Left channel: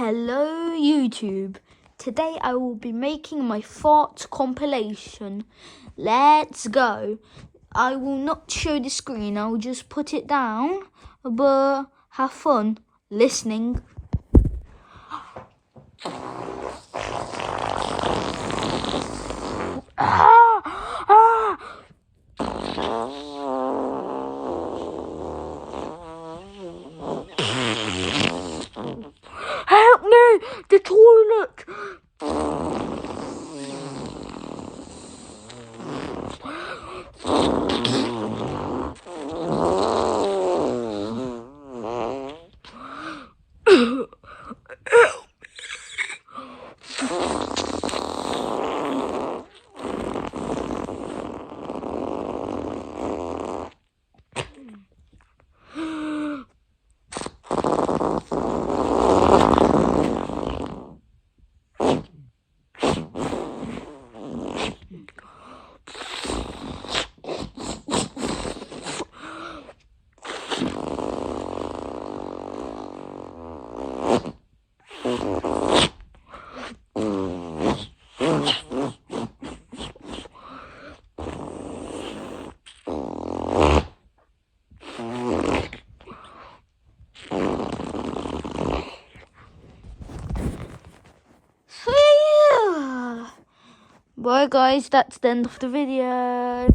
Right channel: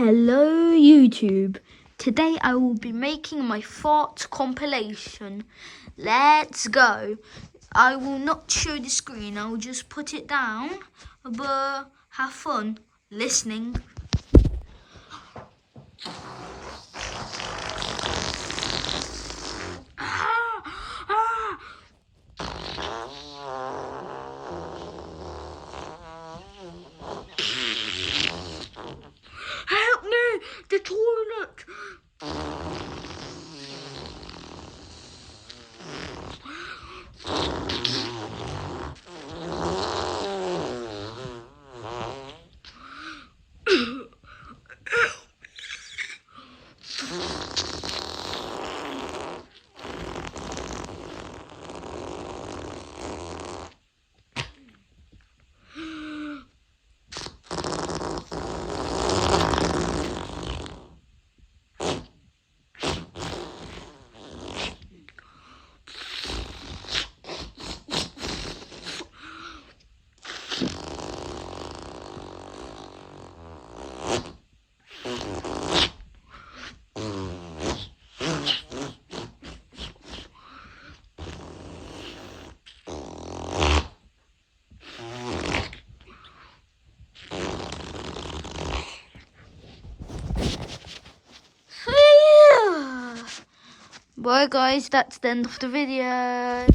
Hello YouTube. Today I will be making my fart compilation. Let's go. I will not show the screen, I'll just put it down, but have fun listening. Help me! The toilet! Bye guys, that's the end of the video.